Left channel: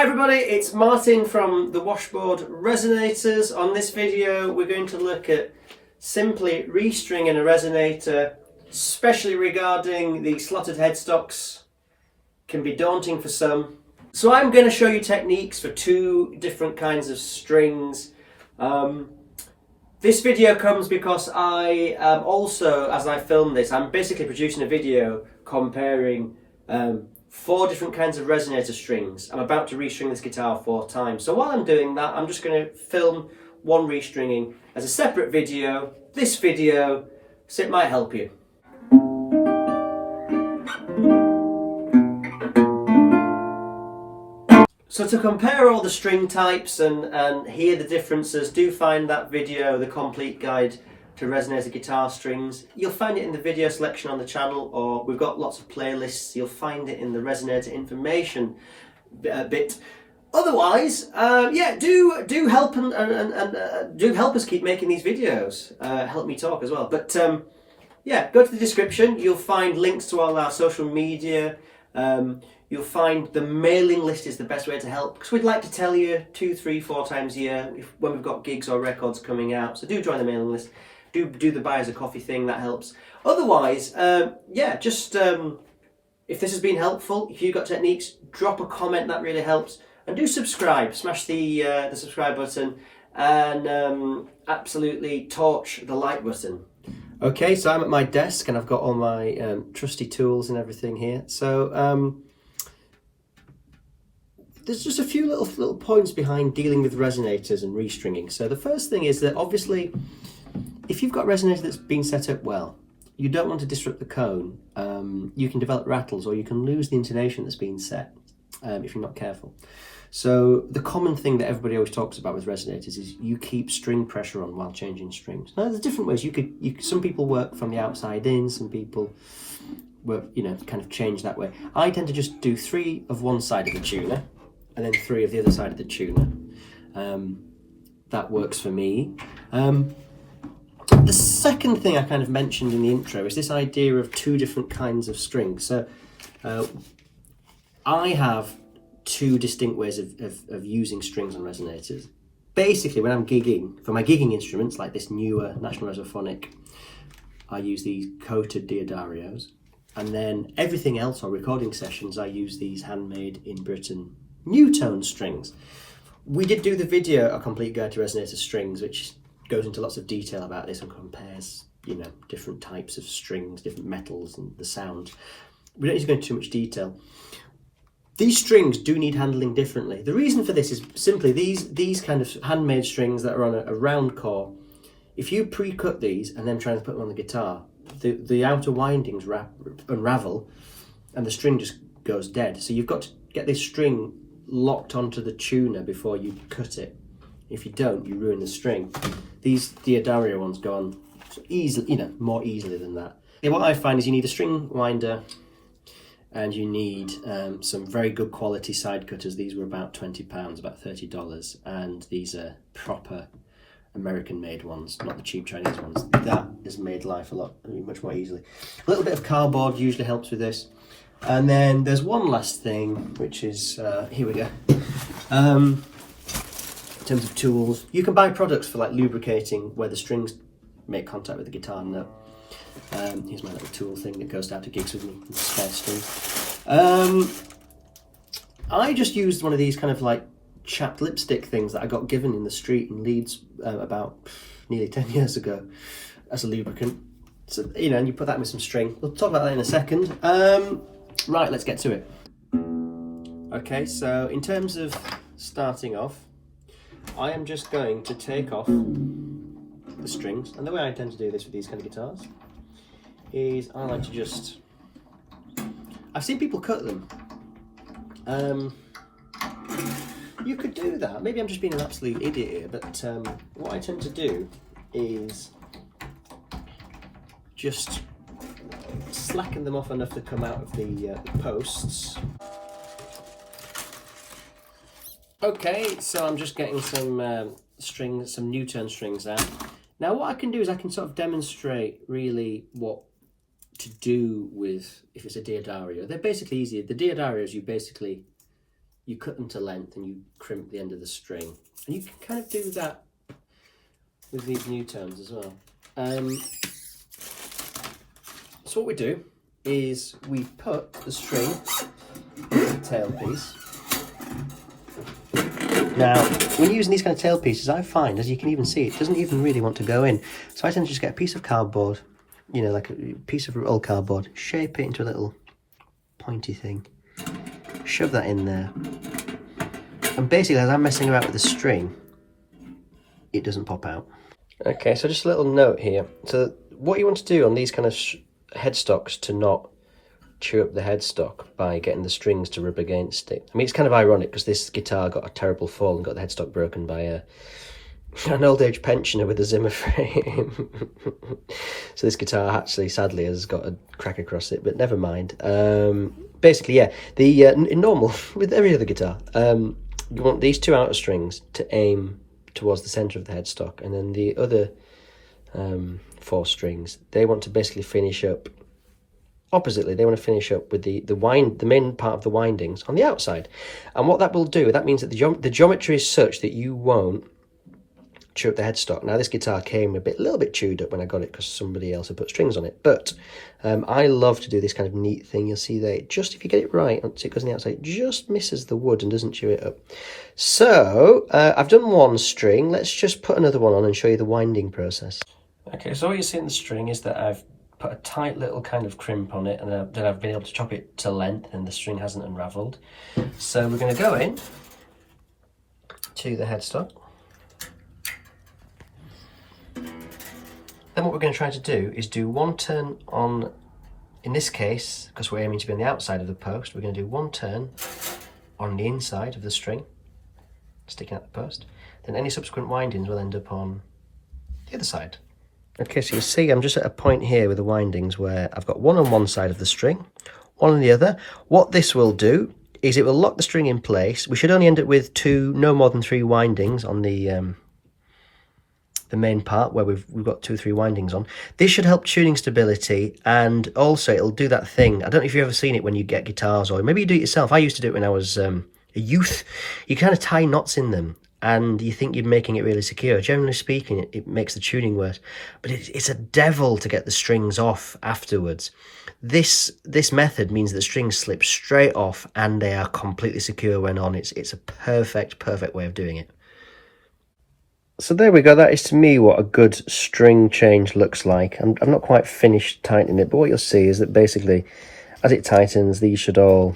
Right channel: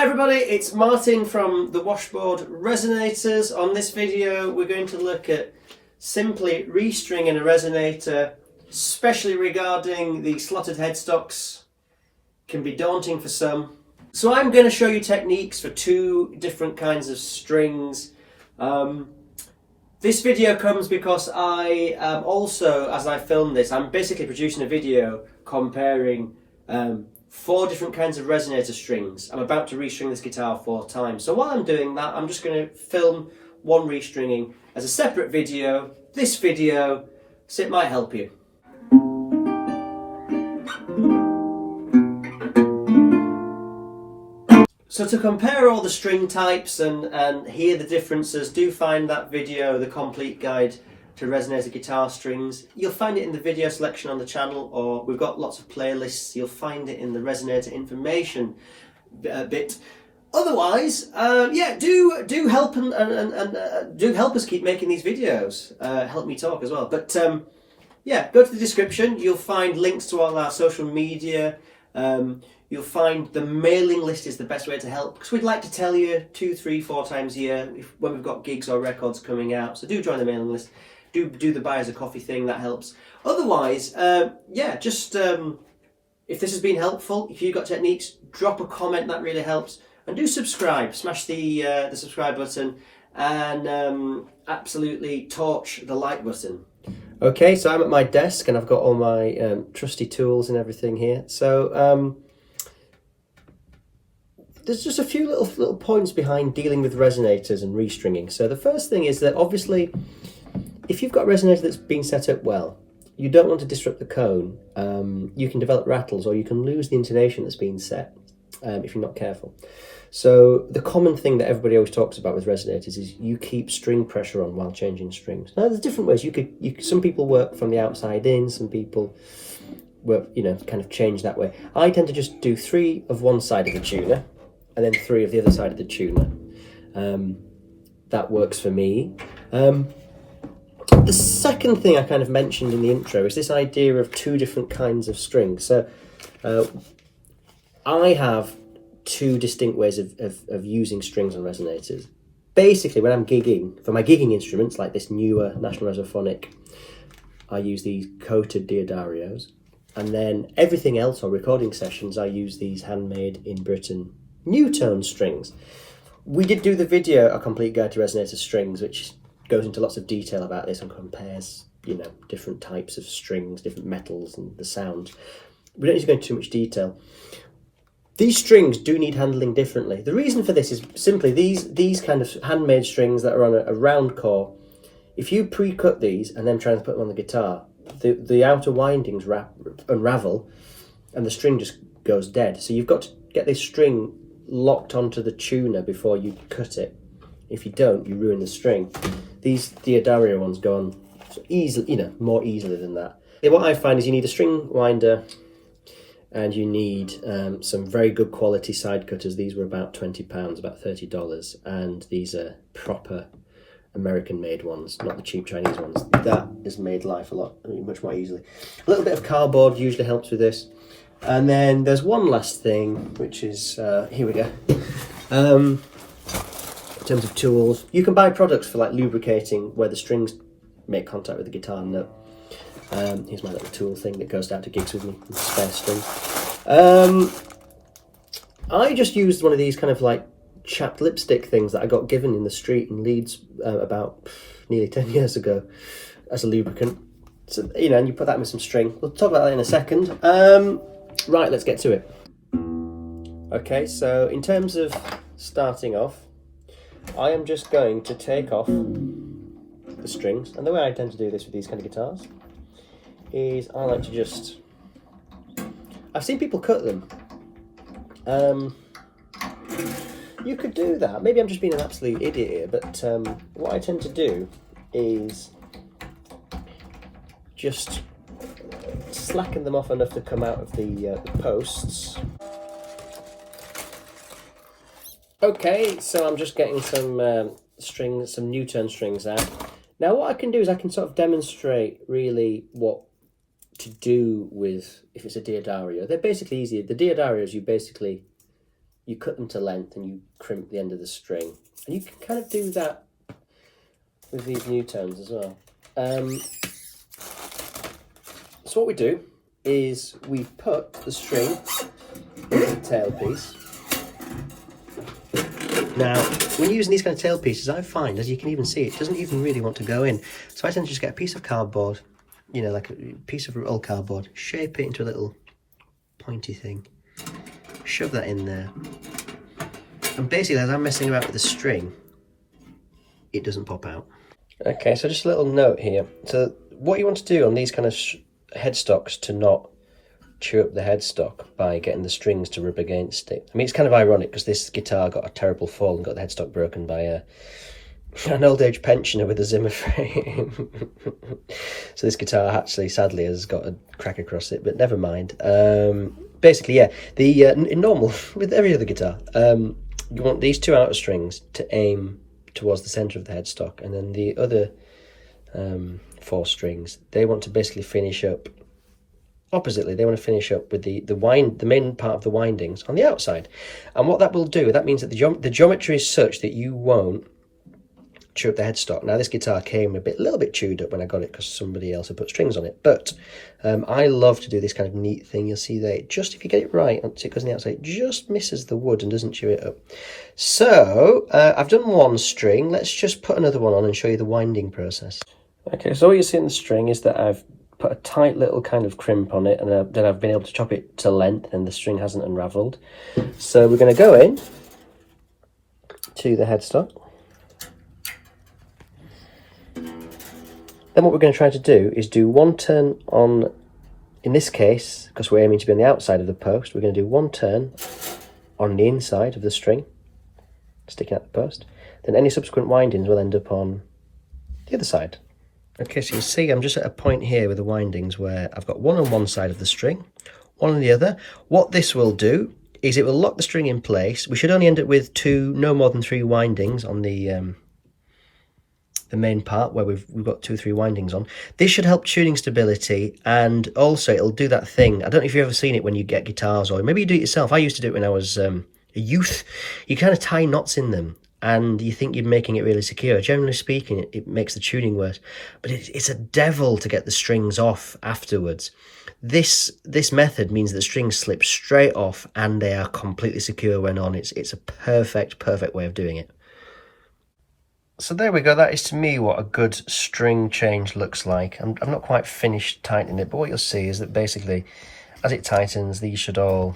Hi everybody, it's Martin from the Washboard Resonators. On this video we're going to look at simply restringing a resonator, especially regarding the slotted headstocks. Can be daunting for some. So I'm going to show you techniques for two different kinds of strings. This video comes because I am also, as I film this, I'm basically producing a video comparing 4 different kinds of resonator strings. I'm about to restring this guitar 4 times. So while I'm doing that, I'm just going to film one restringing as a separate video, this video, so it might help you. So to compare all the string types and hear the differences, do find that video, the complete guide to resonator guitar strings. You'll find it in the video selection on the channel, or we've got lots of playlists. You'll find it in the resonator information bit. Otherwise, yeah, do help and do help us keep making these videos. Help me talk as well. But yeah, go to the description. You'll find links to all our social media. You'll find the mailing list is the best way to help, because we'd like to tell you 2, 3, 4 times a year when we've got gigs or records coming out. So do join the mailing list. Do the buy as a coffee thing, that helps. Otherwise, yeah, just if this has been helpful, if you've got techniques, drop a comment, that really helps. And do subscribe, smash the subscribe button, and absolutely torch the like button. Okay, so I'm at my desk and I've got all my trusty tools and everything here. So there's just a few little points behind dealing with resonators and restringing. So the first thing is that obviously, if you've got a resonator that's been set up well, you don't want to disrupt the cone. You can develop rattles, or you can lose the intonation that's been set if you're not careful. So the common thing that everybody always talks about with resonators is you keep string pressure on while changing strings. Now there's different ways. Some people work from the outside in, some people work, kind of change that way. I tend to just do 3 of one side of the tuner and then 3 of the other side of the tuner. That works for me. The second thing I kind of mentioned in the intro is this idea of 2 different kinds of strings. So I have 2 distinct ways of using strings on resonators. Basically, when I'm gigging, for my gigging instruments, like this newer National Resophonic, I use these coated Daddarios. And then everything else, or recording sessions, I use these handmade in Britain Newtone strings. We did do the video, A Complete Guide to Resonator Strings, which goes into lots of detail about this and compares, different types of strings, different metals and the sound. We don't need to go into too much detail. These strings do need handling differently. The reason for this is simply these kind of handmade strings that are on a round core. If you pre-cut these and then try to put them on the guitar, the outer windings unravel and the string just goes dead. So you've got to get this string locked onto the tuner before you cut it. If you don't, you ruin the string. These Daddario ones go on easily, more easily than that. And what I find is you need a string winder, and you need some very good quality side cutters. These were about £20, about $30, and these are proper American-made ones, not the cheap Chinese ones. That has made life much more easily. A little bit of cardboard usually helps with this. And then there's one last thing, which is, here we go. In terms of tools, you can buy products for like lubricating where the strings make contact with the guitar nut. Here's my little tool thing that goes down to gigs with me, spare string. I just used one of these kind of like chapped lipstick things that I got given in the street in Leeds about nearly 10 years ago as a lubricant. So, and you put that with some string. We'll talk about that in a second. Right, let's get to it. Okay, so in terms of starting off, I am just going to take off the strings, and the way I tend to do this with these kind of guitars is I like to just, I've seen people cut them. You could do that. Maybe I'm just being an absolute idiot here, but what I tend to do is just slacken them off enough to come out of the posts. Okay, so I'm just getting some strings, some Newtone strings out. Now what I can do is I can sort of demonstrate really what to do with, if it's a Daddario. They're basically easy. The Daddarios, you cut them to length and you crimp the end of the string. And you can kind of do that with these Newtones as well. So what we do is we put the string into the tailpiece. Now, when you're using these kind of tailpieces, I find, as you can even see, it doesn't even really want to go in. So I tend to just get a piece of cardboard, you know, like a piece of old cardboard, shape it into a little pointy thing, shove that in there. And basically, as I'm messing about with the string, it doesn't pop out. Okay, so just a little note here. So what you want to do on these kind of headstocks to not chew up the headstock by getting the strings to rub against it. I mean, it's kind of ironic because this guitar got a terrible fall and got the headstock broken by an old age pensioner with a Zimmer frame. So this guitar actually, sadly, has got a crack across it, but never mind. Basically, yeah, in normal, with every other guitar, you want these two outer strings to aim towards the centre of the headstock, and then the other 4 strings, they want to basically finish up oppositely. They want to finish up with the main part of the windings on the outside. And what that will do, that means that the geometry is such that you won't chew up the headstock. Now, this guitar came a little bit chewed up when I got it because somebody else had put strings on it. But I love to do this kind of neat thing. You'll see there, just if you get it right, once it goes on the outside, it just misses the wood and doesn't chew it up. So I've done one string. Let's just put another one on and show you the winding process. Okay, so what you see in the string is that I've put a tight little kind of crimp on it, and then I've been able to chop it to length and the string hasn't unravelled. So we're going to go in to the headstock. Then what we're going to try to do is do one turn on, in this case, because we're aiming to be on the outside of the post, we're going to do one turn on the inside of the string, sticking out the post. Then any subsequent windings will end up on the other side. Okay, so you see I'm just at a point here with the windings where I've got one on one side of the string, one on the other. What this will do is it will lock the string in place. We should only end up with no more than 3 windings on the main part where we've got 2 or 3 windings on. This should help tuning stability, and also it'll do that thing. I don't know if you've ever seen it when you get guitars, or maybe you do it yourself. I used to do it when I was a youth. You kind of tie knots in them, and you think you're making it really secure. Generally speaking, it makes the tuning worse, but it's a devil to get the strings off afterwards. This method means that the strings slip straight off and they are completely secure when on. It's a perfect way of doing it. So there we go. That is to me what a good string change looks like. I'm not quite finished tightening it, but what you'll see is that basically as it tightens, these should all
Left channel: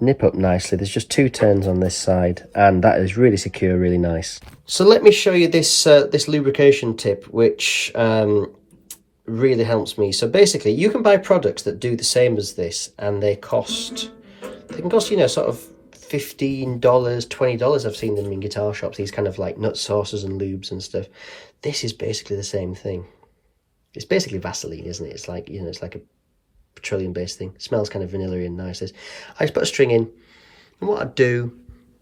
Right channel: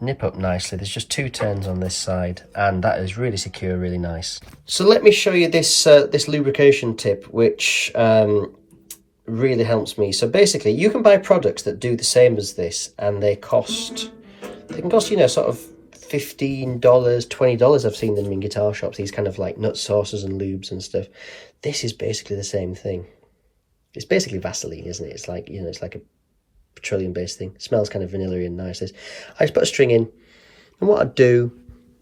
nip up nicely. There's just 2 turns on this side, and that is really secure, really nice. So let me show you this this lubrication tip, which really helps me. So basically, you can buy products that do the same as this, and they can cost, you know, sort of $15, $20. I've seen them in guitar shops. These kind of like nut saucers and lubes and stuff. This is basically the same thing. It's basically Vaseline, isn't it? It's like, you know, it's like a petroleum-based thing. It smells kind of vanilla-y and nice. I just put a string in, and what I do,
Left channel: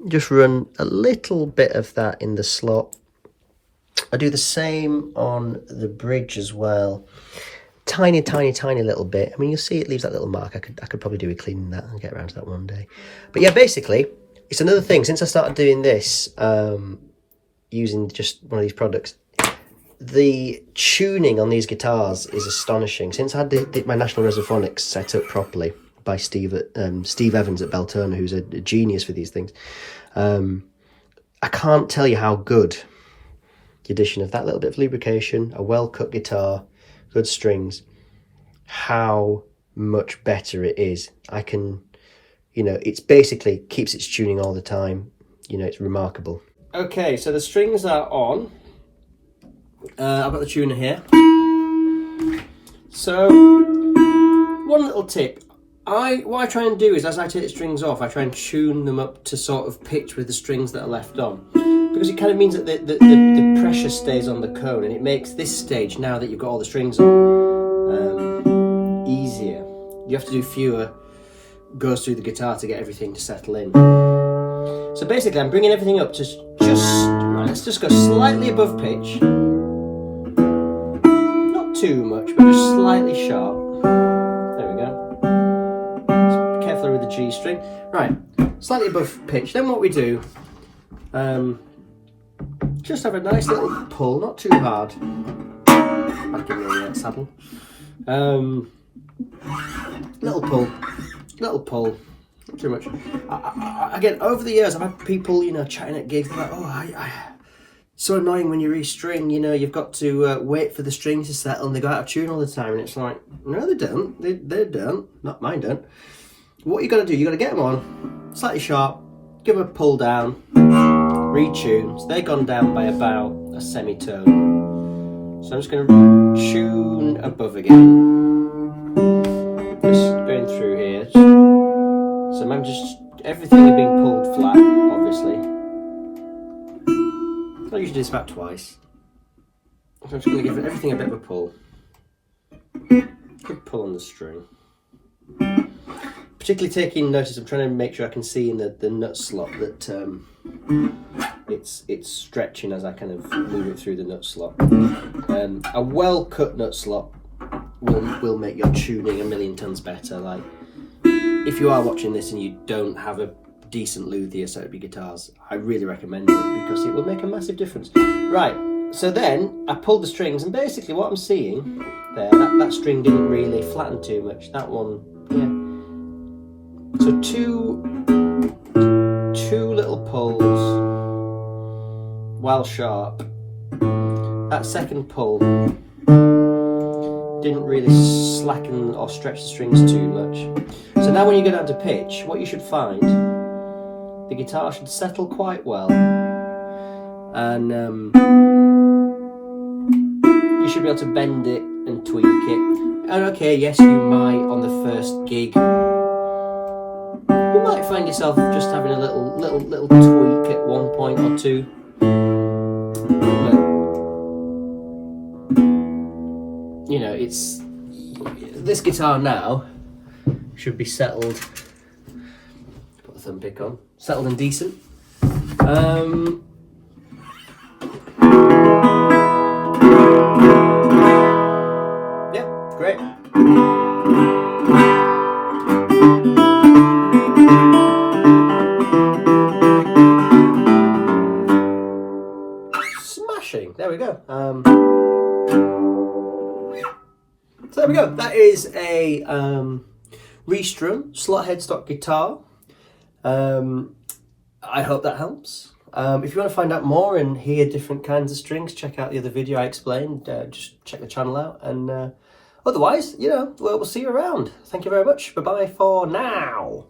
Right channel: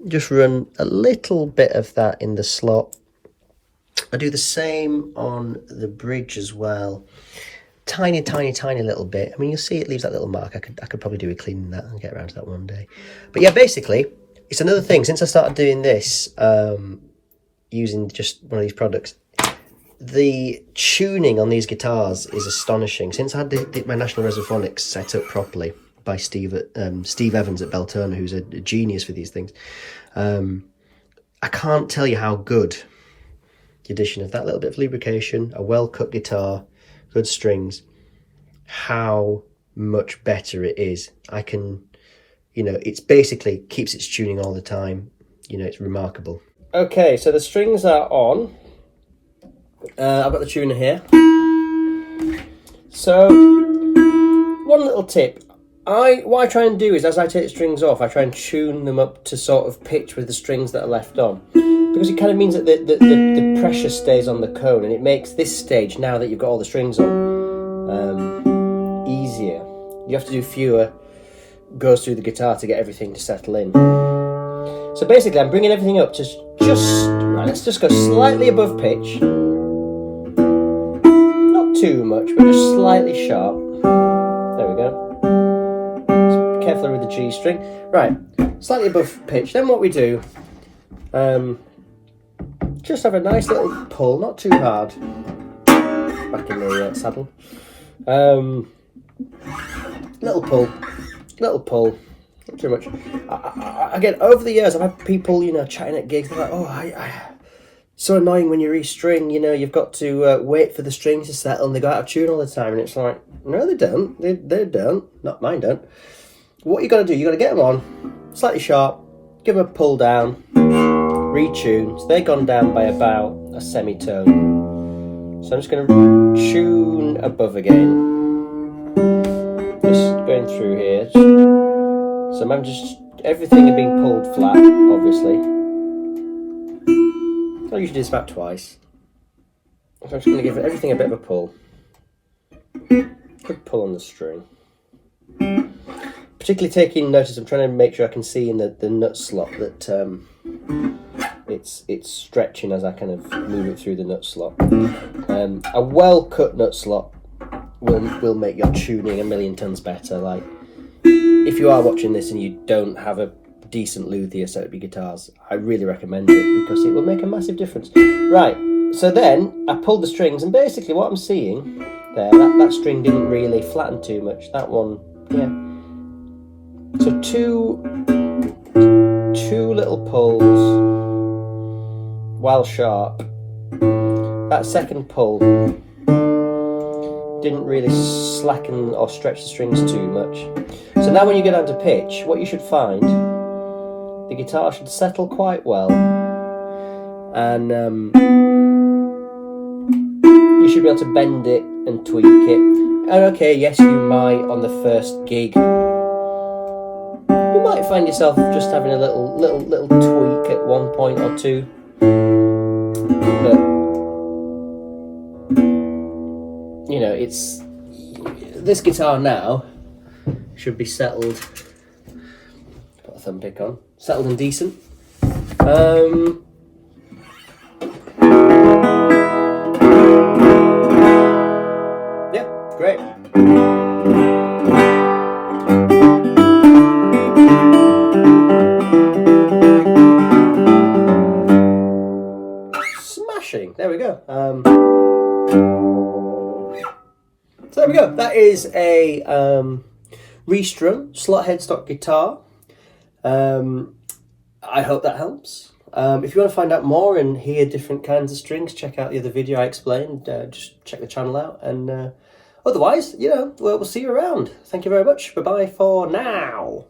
just run a little bit of that in the slot. I do the same on the bridge as well. Tiny little bit. I mean, you'll see it leaves that little mark. I could probably do with cleaning that and get around to that one day. But yeah, basically, it's another thing. Since I started doing this, using just one of these products, the tuning on these guitars is astonishing. Since I had my National Resophonic set up properly by Steve Evans at Beltona, who's a genius for these things, I can't tell you how good the addition of that little bit of lubrication, a well-cut guitar, good strings, how much better it is. I can, you know, it's basically keeps its tuning all the time. You know, it's remarkable. Okay, so the strings are on. I've got the tuner here. So, one little tip. What I try and do is, as I take the strings off, I try and tune them up to sort of pitch with the strings that are left on. Because it kind of means that the pressure stays on the cone, and it makes this stage, now that you've got all the strings on, easier. You have to do fewer goes through the guitar to get everything to settle in. So basically, I'm bringing everything up to right, let's just go slightly above pitch. Not too much, but just slightly sharp. There we go. carefully with the G string. Right, slightly above pitch. Then what we do, just have a nice little pull, not too hard. Back in the saddle. Little pull, not too much. Again, over the years, I've had people, you know, chatting at gigs. They're like, oh, so annoying when you restring, you know, you've got to wait for the strings to settle and they go out of tune all the time. And it's like, no, they don't. They don't. Not mine don't. What you got to do, you got to get them on, slightly sharp, give them a pull down, retune. So they've gone down by about a semitone. So I'm just going to tune above again. Just going through here. So I'm just, everything is being pulled flat, obviously. I usually do this about twice. So I'm just going to give everything a bit of a pull. Good pull on the string. Particularly taking notice, I'm trying to make sure I can see in the nut slot that it's stretching as I kind of move it through the nut slot. A well cut nut slot will make your tuning a million tons better. Like, if you are watching this and you don't have a decent luthier set up your guitars, I really recommend it because it will make a massive difference. Right, so then I pulled the strings and basically what I'm seeing there, that string didn't really flatten too much. That one, yeah. So two little pulls while sharp. That second pull didn't really slacken or stretch the strings too much. So now when you go down to pitch, what you should find, the guitar should settle quite well, and you should be able to bend it and tweak it. And okay, yes, you might on the first gig, you might find yourself just having a little tweak at one point or two, but you know, it's this guitar now should be settled. Put a thumb pick on. Settled and decent. Yeah, great. Smashing. There we go. So there we go. That is a Restring slot headstock guitar. I hope that helps. If you want to find out more and hear different kinds of strings, check out the other video I explained. Just check the channel out. And otherwise, you know, we'll see you around. Thank you very much. Bye-bye for now.